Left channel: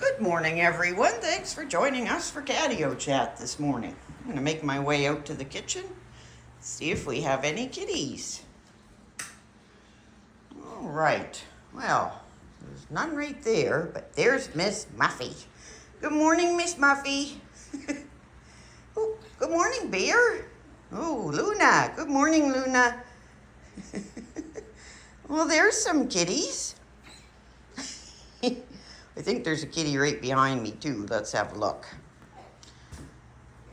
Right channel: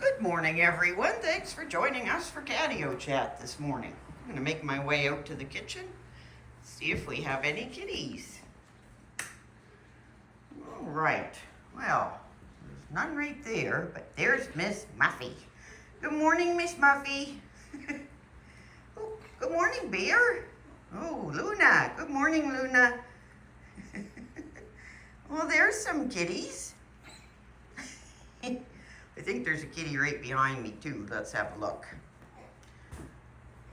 Good morning, everyone. Thanks for joining us for Catio Chat this morning. I'm going to make my way out to the kitchen, see if we have any kitties. All right. Well, there's none right there, but there's Miss Muffy. Good morning, Miss Muffy. Oh, good morning, Bear. Oh, Luna. Good morning, Luna. Well, there's some kitties. I think there's a kitty right behind me too. Let's have a look.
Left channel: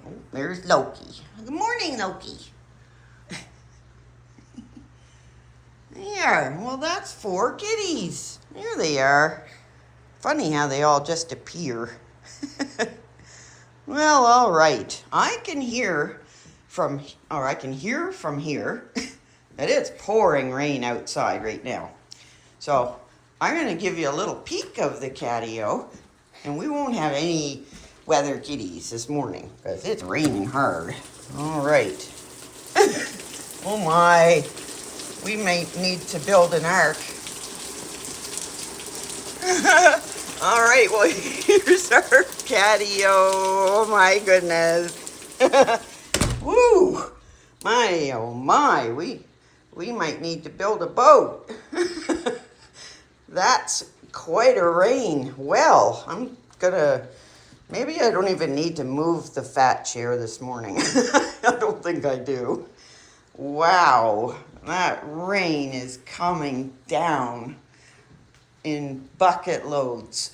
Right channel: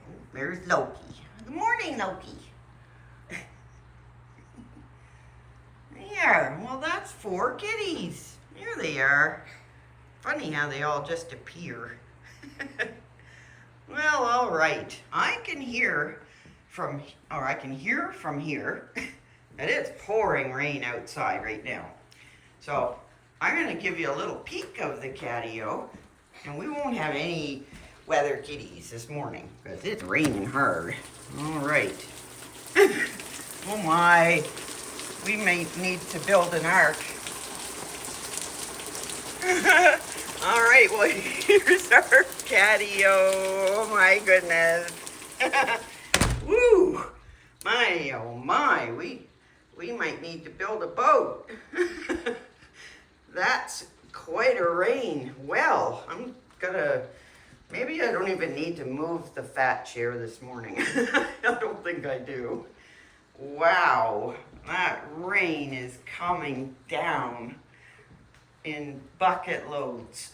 Oh, there's Loki. Good morning, Loki. There, well that's 4 kitties. There they are. Funny how they all just appear. Well, all right. I can hear from here that it's pouring rain outside right now. So I'm going to give you a little peek of the catio, and we won't have any weather kitties this morning because it's raining hard. All right. Oh my, we may need to build an ark. All right, well, here's our catio. Oh my goodness. Woo, my, oh my, we might need to build a boat. That's quite a rain. Well, maybe I don't even need to move the fat chair this morning. I don't think I do. Wow, that rain is coming down in bucket loads.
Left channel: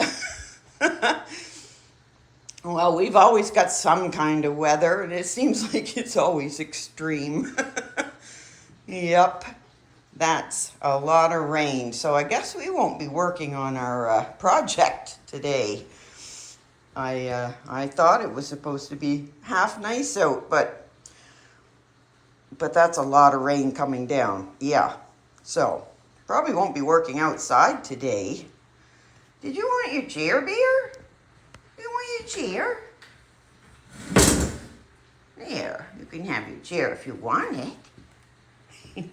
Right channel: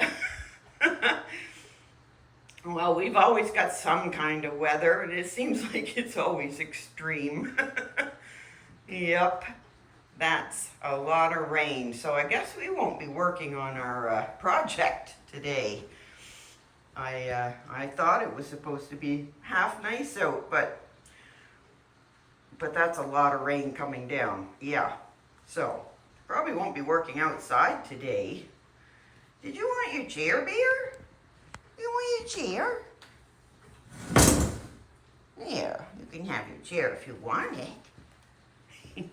Well, we've always got some kind of weather, and it seems like it's always extreme. Yep. That's a lot of rain, so I guess we won't be working on our project today. I thought it was supposed to be half nice out, but that's a lot of rain coming down. Yeah, so probably won't be working outside today. Did you want your chair, Bear? You want your chair? There, you can have your chair if you want it.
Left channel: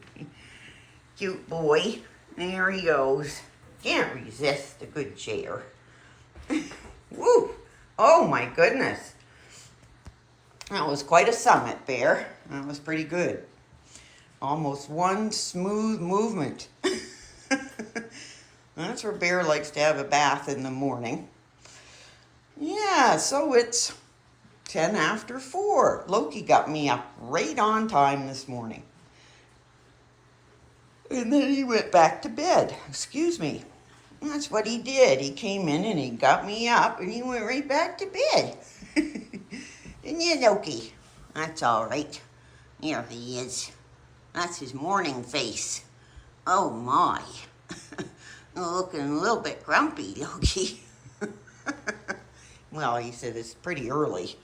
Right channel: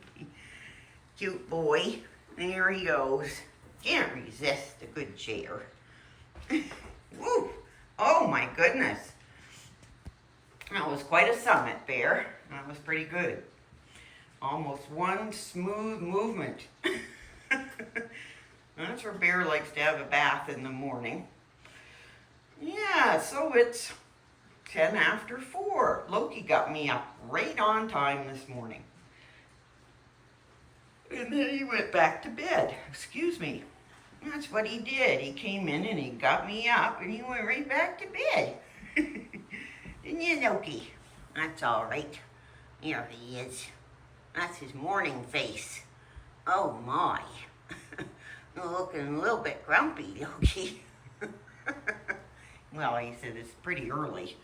Cute boy. There he goes. Can't resist a good chair. Woo! Oh my goodness. That was quite a summit, Bear. That was pretty good. Almost one smooth movement. That's where Bear likes to have a bath in the morning. Yeah, so it's 10 after 4. Loki got me up right on time this morning. And then he went back to bed. Excuse me. That's what he did. He came in and he got me up and he went right back to bed. Didn't you, Loki? That's all right. There he is. That's his morning face. Oh my. Looking a little bit grumpy, Loki. Well, he said it's pretty early.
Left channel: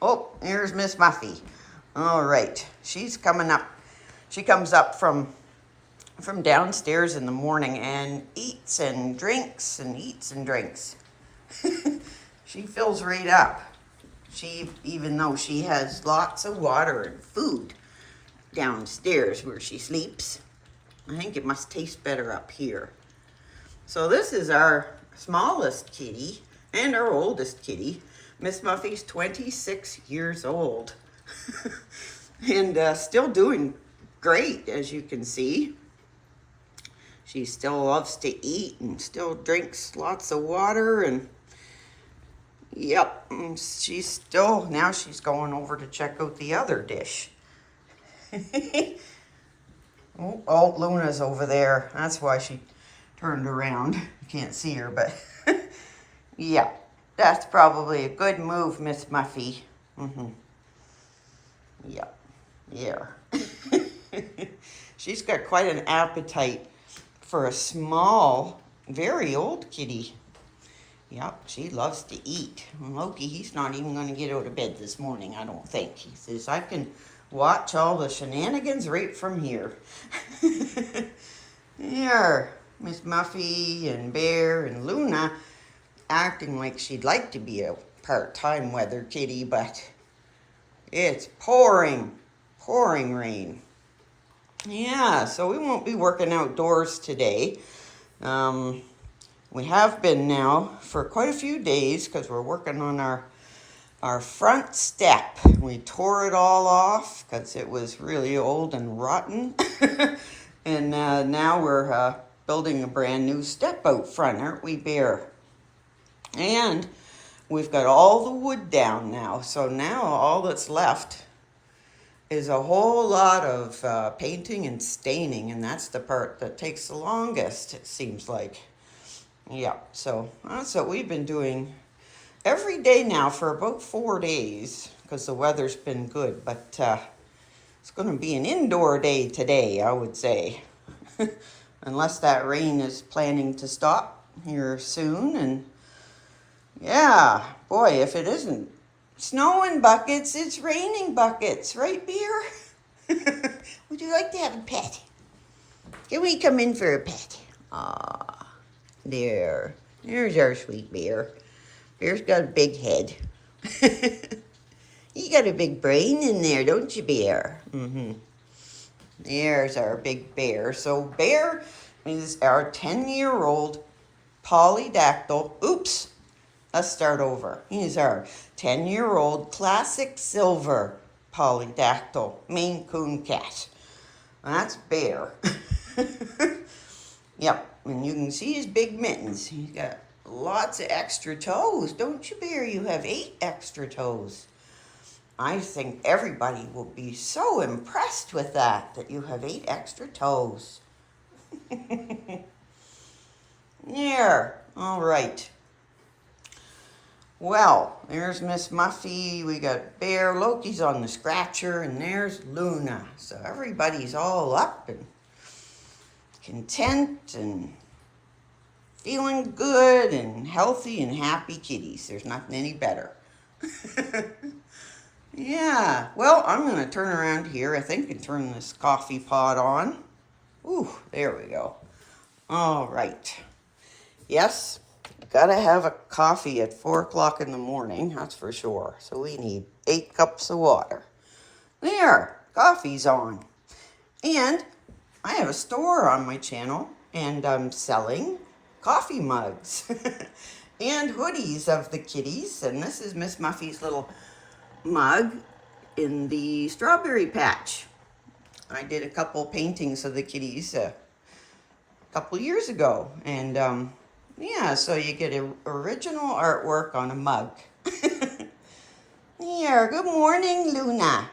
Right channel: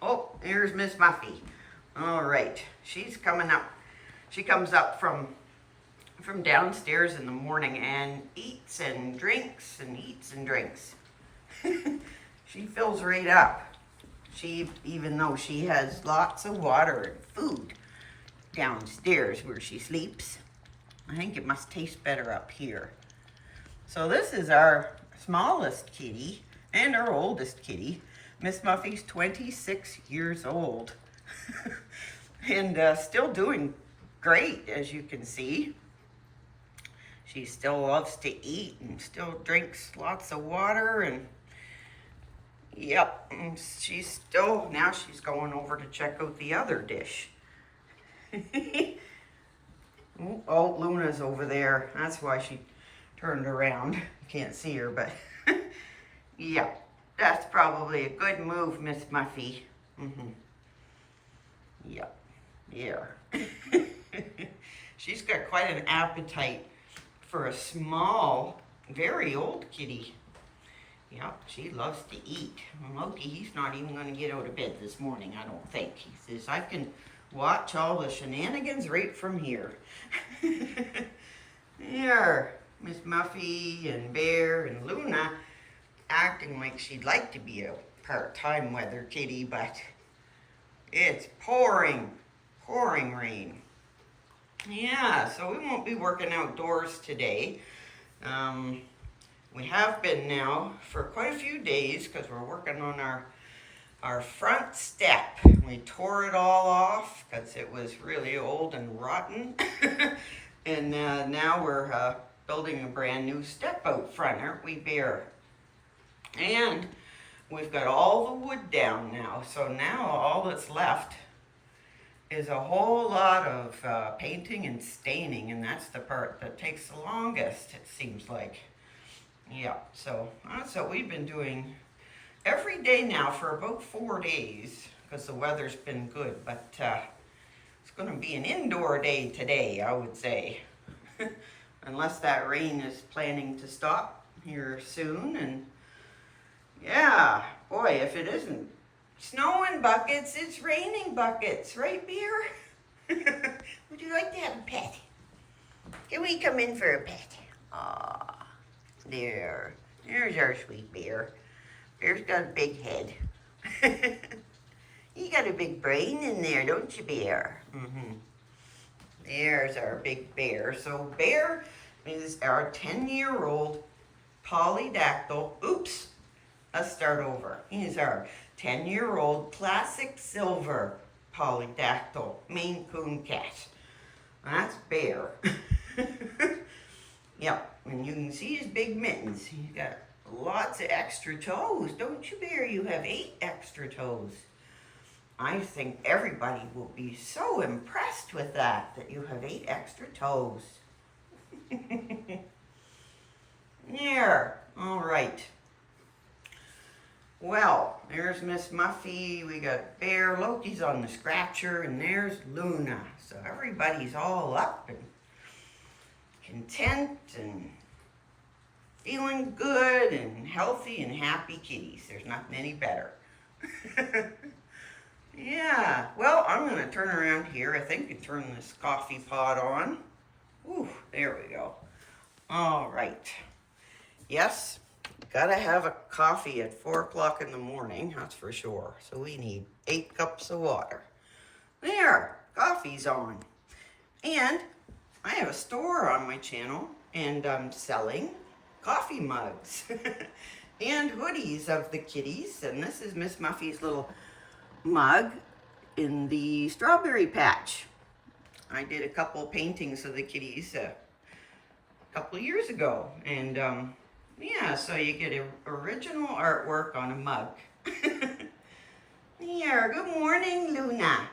Oh, here's Miss Muffy. All right. She's coming up. She comes up from downstairs in the morning and eats and drinks and eats and drinks. She fills right up. Even though she has lots of water and food downstairs where she sleeps, I think it must taste better up here. So this is our smallest kitty and our oldest kitty. Miss Muffy's 26 years old and still doing great, as you can see. She still loves to eat and still drinks lots of water, and yep, now she's going over to check out the other dish. Oh, Luna's over there. That's why she turned around. You can't see her, but yeah, that's probably a good move, Miss Muffy. Yep, yeah. She's got quite an appetite for a small, very old kitty. Yep, she loves to eat. Loki, he's not even going to get out of bed this morning, I don't think. He says, I can watch all the shenanigans right from here. There, Miss Muffy and Bear and Luna acting like she'd like to be a part-time weather kitty, but it's pouring rain. Yeah, so we won't be working outdoors today. We have been now for quite a few days because we're working on our front step. We tore it all off because it was really old and rotten. And now we're building a brand new step out front, aren't we, Bear? And we've got all the wood down now. So now all that's left is a whole lot of painting and staining. And that's the part that takes the longest, it seems like. Yeah, so that's what we've been doing every day now for about 4 days because the weather's been good. But it's going to be an indoor day today, I would say. Unless that rain is planning to stop here soon. And yeah, boy, if it isn't snowing buckets, it's raining buckets. Right, Beer? Would you like to have a pet? Can we come in for a pet? Aww. There's our sweet Bear. Bear's got a big head. You got a big brain in there, don't you, Bear? Mm-hmm. There's our big Bear. So Bear is our 10-year-old polydactyl. Oops. Let's start over. He's our 10-year-old classic silver polydactyl MaineCoon cat. That's Bear. Yep. And you can see his big mittens. He's got lots of extra toes, don't you, Bear? You have 8 extra toes. I think everybody will be so impressed with that you have 8 extra toes. There. All right. Well, there's Miss Muffy. We got Bear. Loki's on the scratcher. And there's Luna. So everybody's all up and content and feeling good and healthy and happy kitties. There's nothing any better. Yeah, well, I'm going to turn around here, I think, and turn this coffee pot on. Ooh, there we go. All right. Yes, got to have a coffee at 4 o'clock in the morning, that's for sure. So we need 8 cups of water. There, coffee's on. And I have a store on my channel, and I'm selling coffee mugs and hoodies of the kitties. And this is Miss Muffy's little mug in the strawberry patch. I did a couple paintings of the kitties a couple years ago. And yeah, so you get original artwork on a mug. Here, good morning, Luna.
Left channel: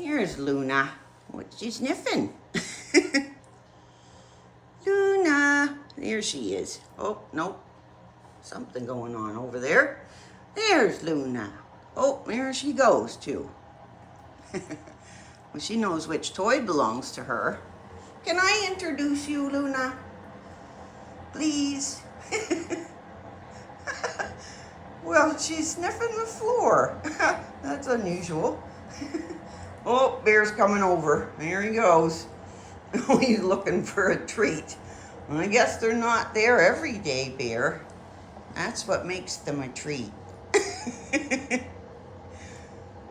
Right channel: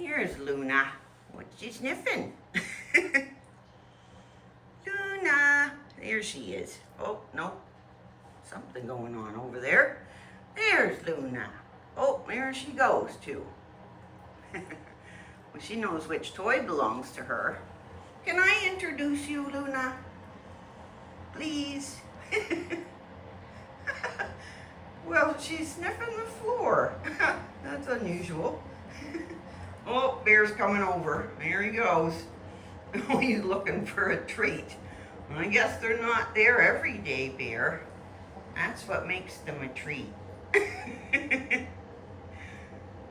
Here's Luna. What's she sniffing? Luna. There she is. Oh, nope. Something going on over there. There's Luna. Oh, there she goes, too. Well, she knows which toy belongs to her. Can I introduce you, Luna? Please? Well, she's sniffing the floor. That's unusual. Oh, Bear's coming over. There he goes. He's looking for a treat. I guess they're not there every day, Bear. That's what makes them a treat.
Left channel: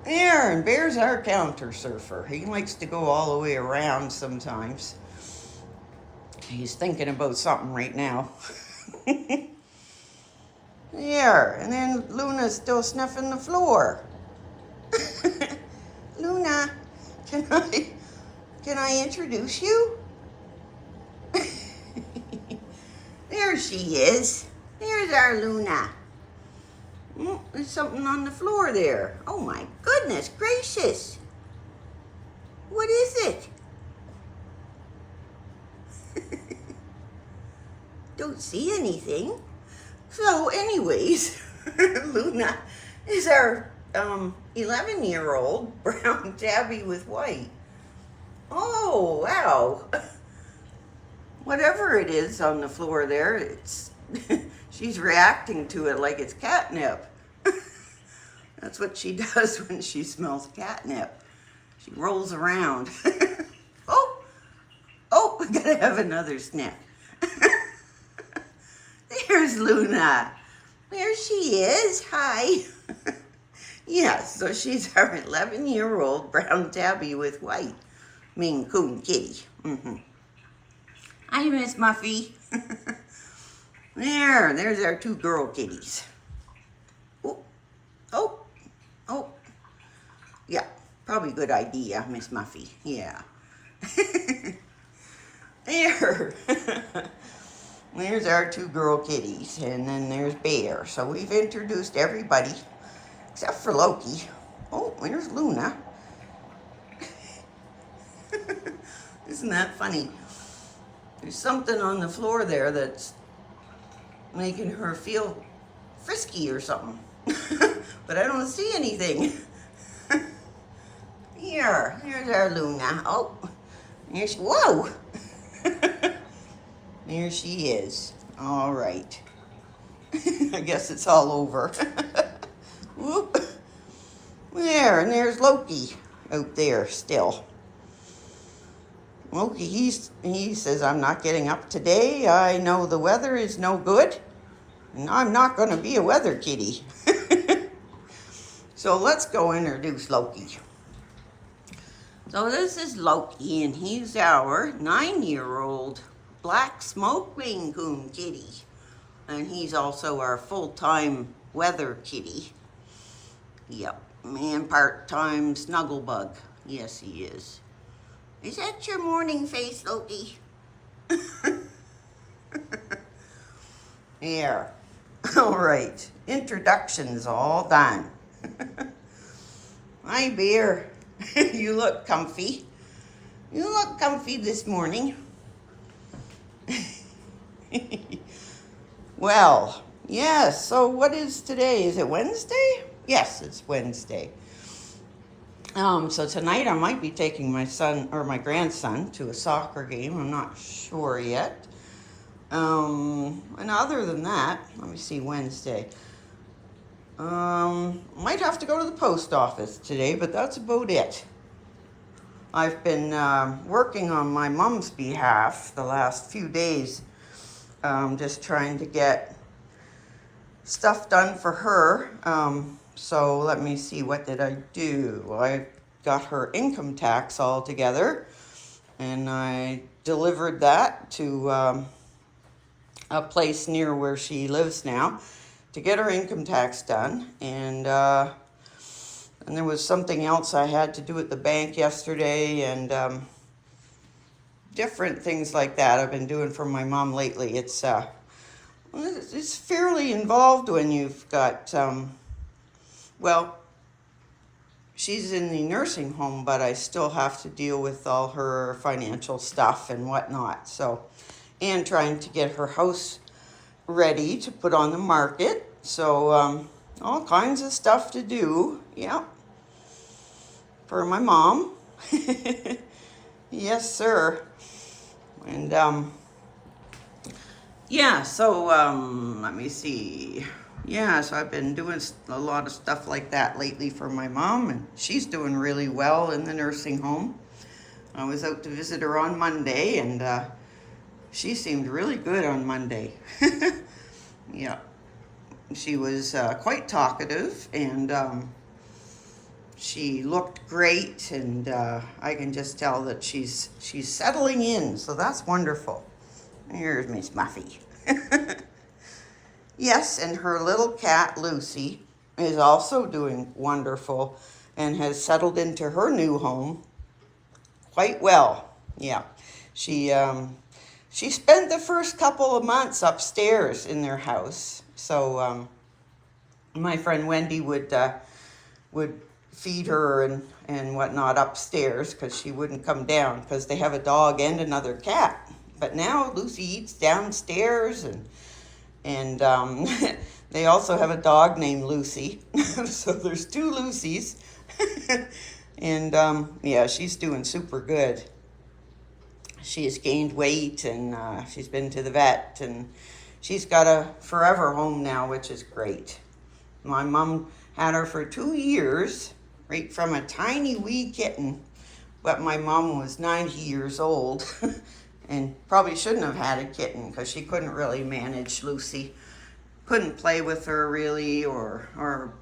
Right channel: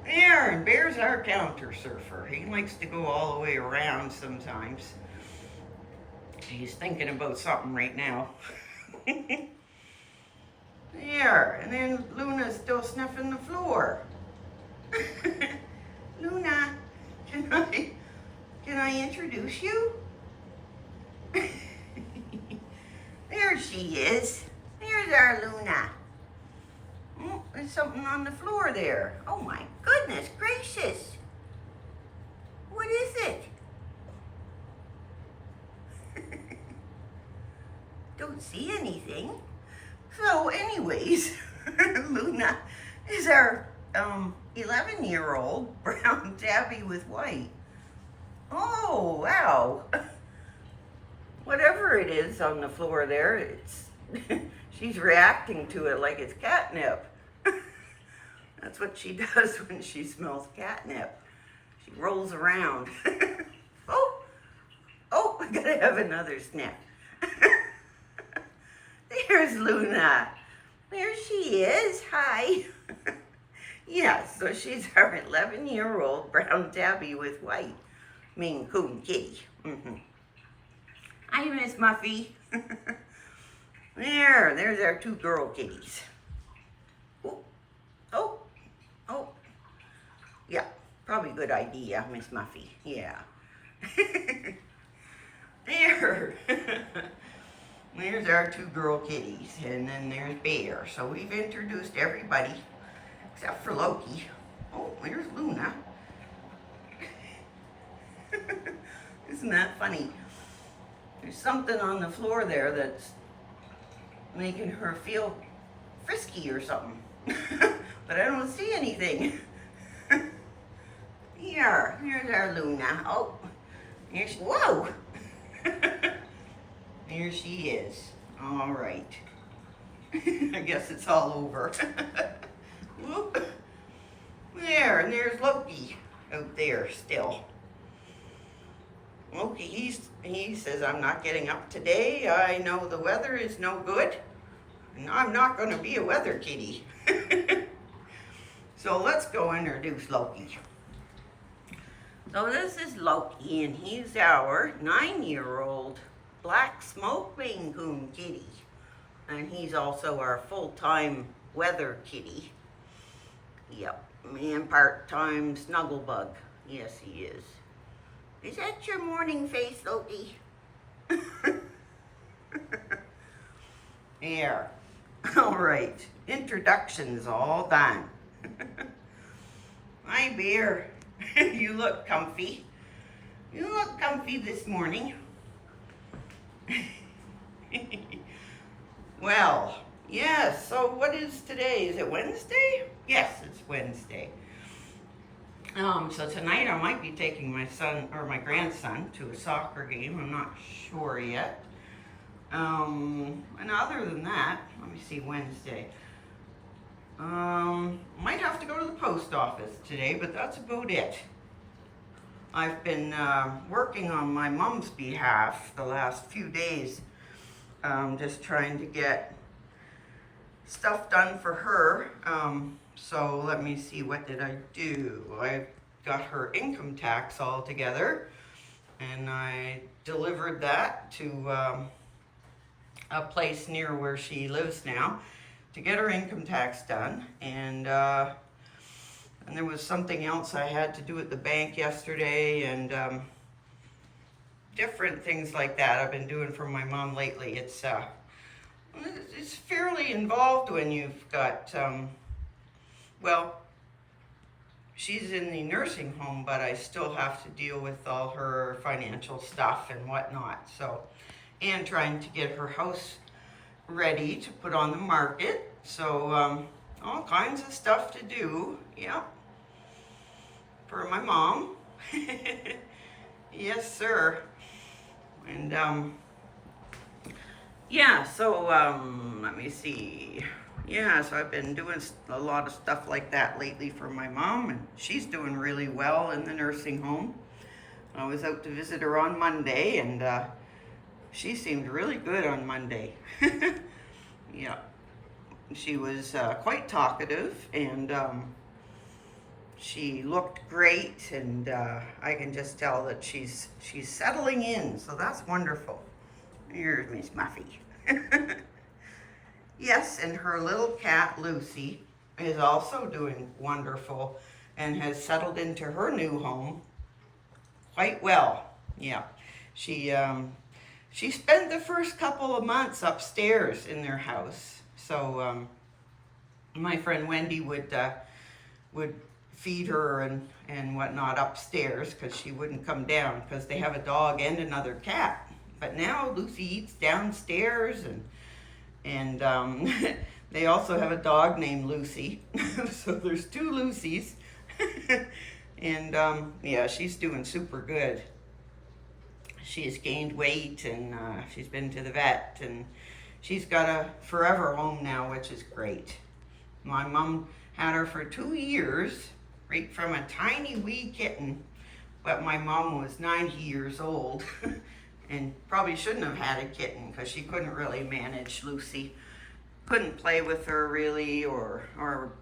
There, and Bear's our counter surfer. He likes to go all the way around sometimes. He's thinking about something right now. There, and then Luna's still sniffing the floor. Luna, can I introduce you? There she is. There's our Luna. Oh, there's something on the floor there. Oh my goodness gracious. What is it? Don't see anything. So anyways, Luna is our 11-year-old brown tabby with white. Oh, wow. Whatever it is on the floor there, it's she's reacting to it like it's catnip. That's what she does when she smells catnip. She rolls around. Oh, I gotta have another sniff. There's Luna. There she is. Hi. Yes, so she's our 11-year-old brown tabby with white MaineCoon kitty. Hi, Miss Muffy. There's our two girl kitties. Oh, oh, oh. Yeah, probably a good idea, Miss Muffy. Yeah. There. There's our two girl kitties, and then there's Bear. So we've introduced everybody, except for Loki. Oh, there's Luna. Isn't that funny? There's something on the floor there that's making her feel frisky or something. But I don't see anything. Here's our Luna. Oh, whoa! There she is. All right. I guess it's all over. Whoop. There, and there's Loki out there still. Loki, he says, I'm not getting up today. I know the weather is no good, and I'm not going to be a weather kitty. So let's go introduce Loki. So this is Loki, and he's our 9-year-old black smoke MaineCoon kitty. And he's also our full-time weather kitty. Yep, and part-time snugglebug. Yes, he is. Is that your morning face, Loki? There. All right, introductions all done. Hi, Bear. You look comfy. You look comfy this morning. Well, yes, so what is today? Is it Wednesday? Yes, it's Wednesday. So tonight I might be taking my son or my grandson to a soccer game. I'm not sure yet. And other than that, let me see, Wednesday. Might have to go to the post office today, but that's about it. I've been working on my mom's behalf the last few days, just trying to get stuff done for her. So let me see, what did I do? I got her income tax all together, and I delivered that to a place near where she lives now to get her income tax done. And there was something else I had to do at the bank yesterday, and different things like that I've been doing for my mom lately. It's fairly involved when you've got, well, she's in the nursing home, but I still have to deal with all her financial stuff and whatnot. So, and trying to get her house ready to put on the market. So, all kinds of stuff to do. Yeah. For my mom. Yes, sir. And, yeah, so, let me see. Yeah, so I've been doing a lot of stuff like that lately for my mom, and she's doing really well in the nursing home. I was out to visit her on Monday, and she seemed really good on Monday. Yeah, she was quite talkative, and she looked great, and I can just tell that she's settling in, so that's wonderful. Here's Miss Muffy. Yes, and her little cat, Lucy, is also doing wonderful and has settled into her new home quite well. Yeah, she spent the first couple of months upstairs in their house. So my friend Wendy would feed her and whatnot upstairs, because she wouldn't come down because they have a dog and another cat. But now Lucy eats downstairs, and they also have a dog named Lucy. So there's two Lucys. And yeah, she's doing super good. She has gained weight, and she's been to the vet, and she's got a forever home now, which is great. My mom had her for 2 years, right from a tiny wee kitten, but my mom was 90 years old and probably shouldn't have had a kitten because she couldn't really manage Lucy. Couldn't play with her really, or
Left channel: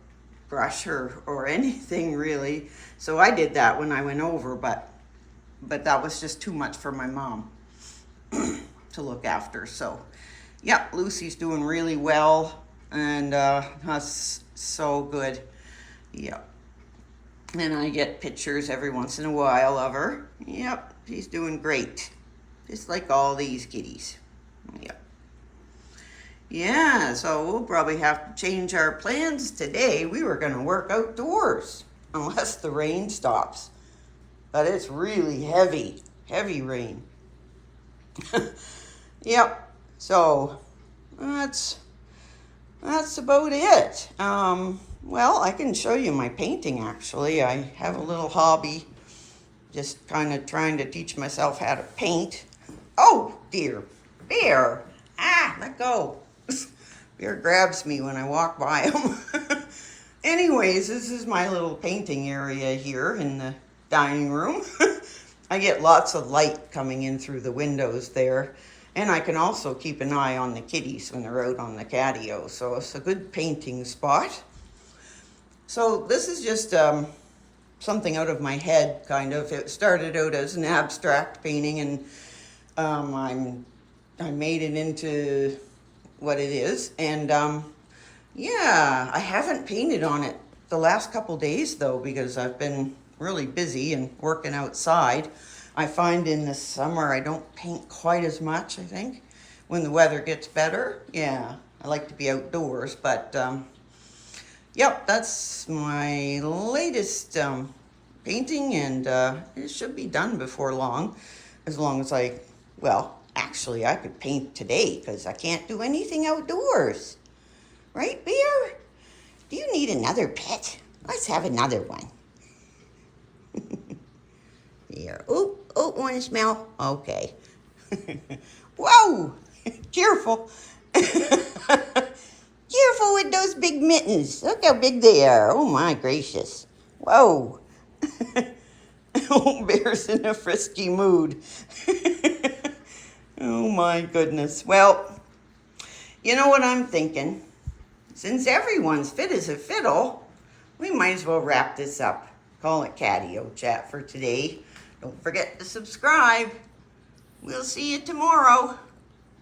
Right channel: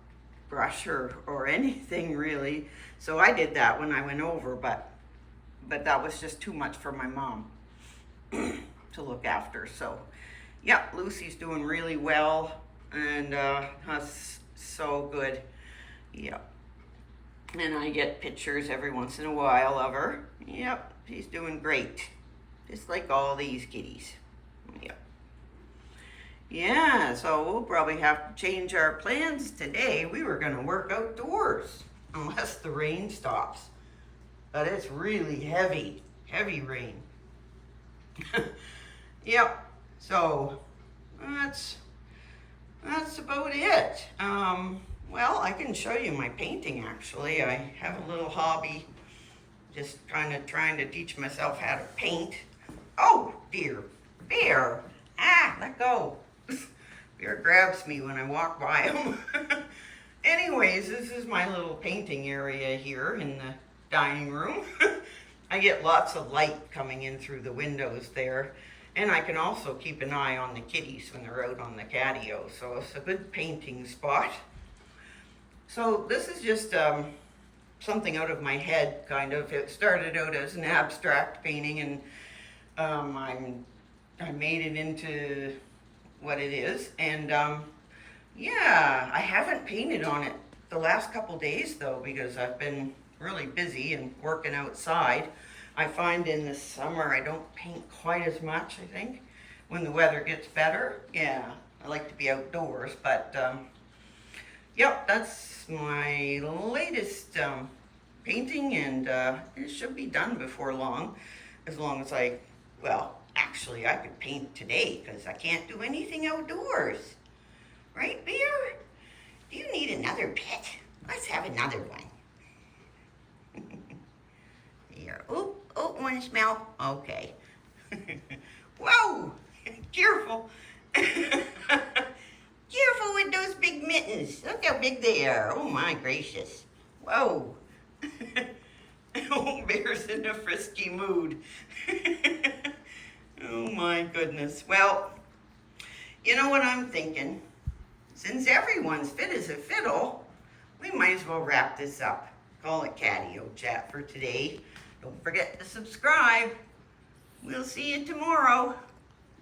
brush her or anything really. So I did that when I went over, but that was just too much for my mom. to look after. So, yep, Lucy's doing really well, and that's so good. Yep. And I get pictures every once in a while of her. Yep, she's doing great. Just like all these kitties. Yep. Yeah, so we'll probably have to change our plans today. We were going to work outdoors, unless the rain stops. But it's really heavy rain. Yep, so that's about it. Well, I can show you my painting, actually. I have a little hobby, just kind of trying to teach myself how to paint. Oh, dear, Bear. Ah, let go. Bear grabs me when I walk by him. Anyways, this is my little painting area here in the dining room. I get lots of light coming in through the windows there. And I can also keep an eye on the kitties when they're out on the catio. So it's a good painting spot. So this is just something out of my head, kind of. It started out as an abstract painting, and I made it into what it is. And yeah, I haven't painted on it the last couple days though, because I've been really busy and working outside. I find in the summer I don't paint quite as much, I think, when the weather gets better. Yeah, I like to be outdoors, but yep, that's my latest painting, and it should be done before long, as long as well, actually I could paint today because I can't do anything outdoors. Right, Bear? Do you need another pet? Let's have another one. Here, oh, want to smell? Okay. Whoa, careful. Careful with those big mittens. Look how big they are. Oh my gracious. Whoa. Oh, Bear's in a frisky mood. Oh my goodness. Well, you know what I'm thinking? Since everyone's fit as a fiddle, we might as well wrap this up. Call it Catio Chat for today. Don't forget to subscribe. We'll see you tomorrow.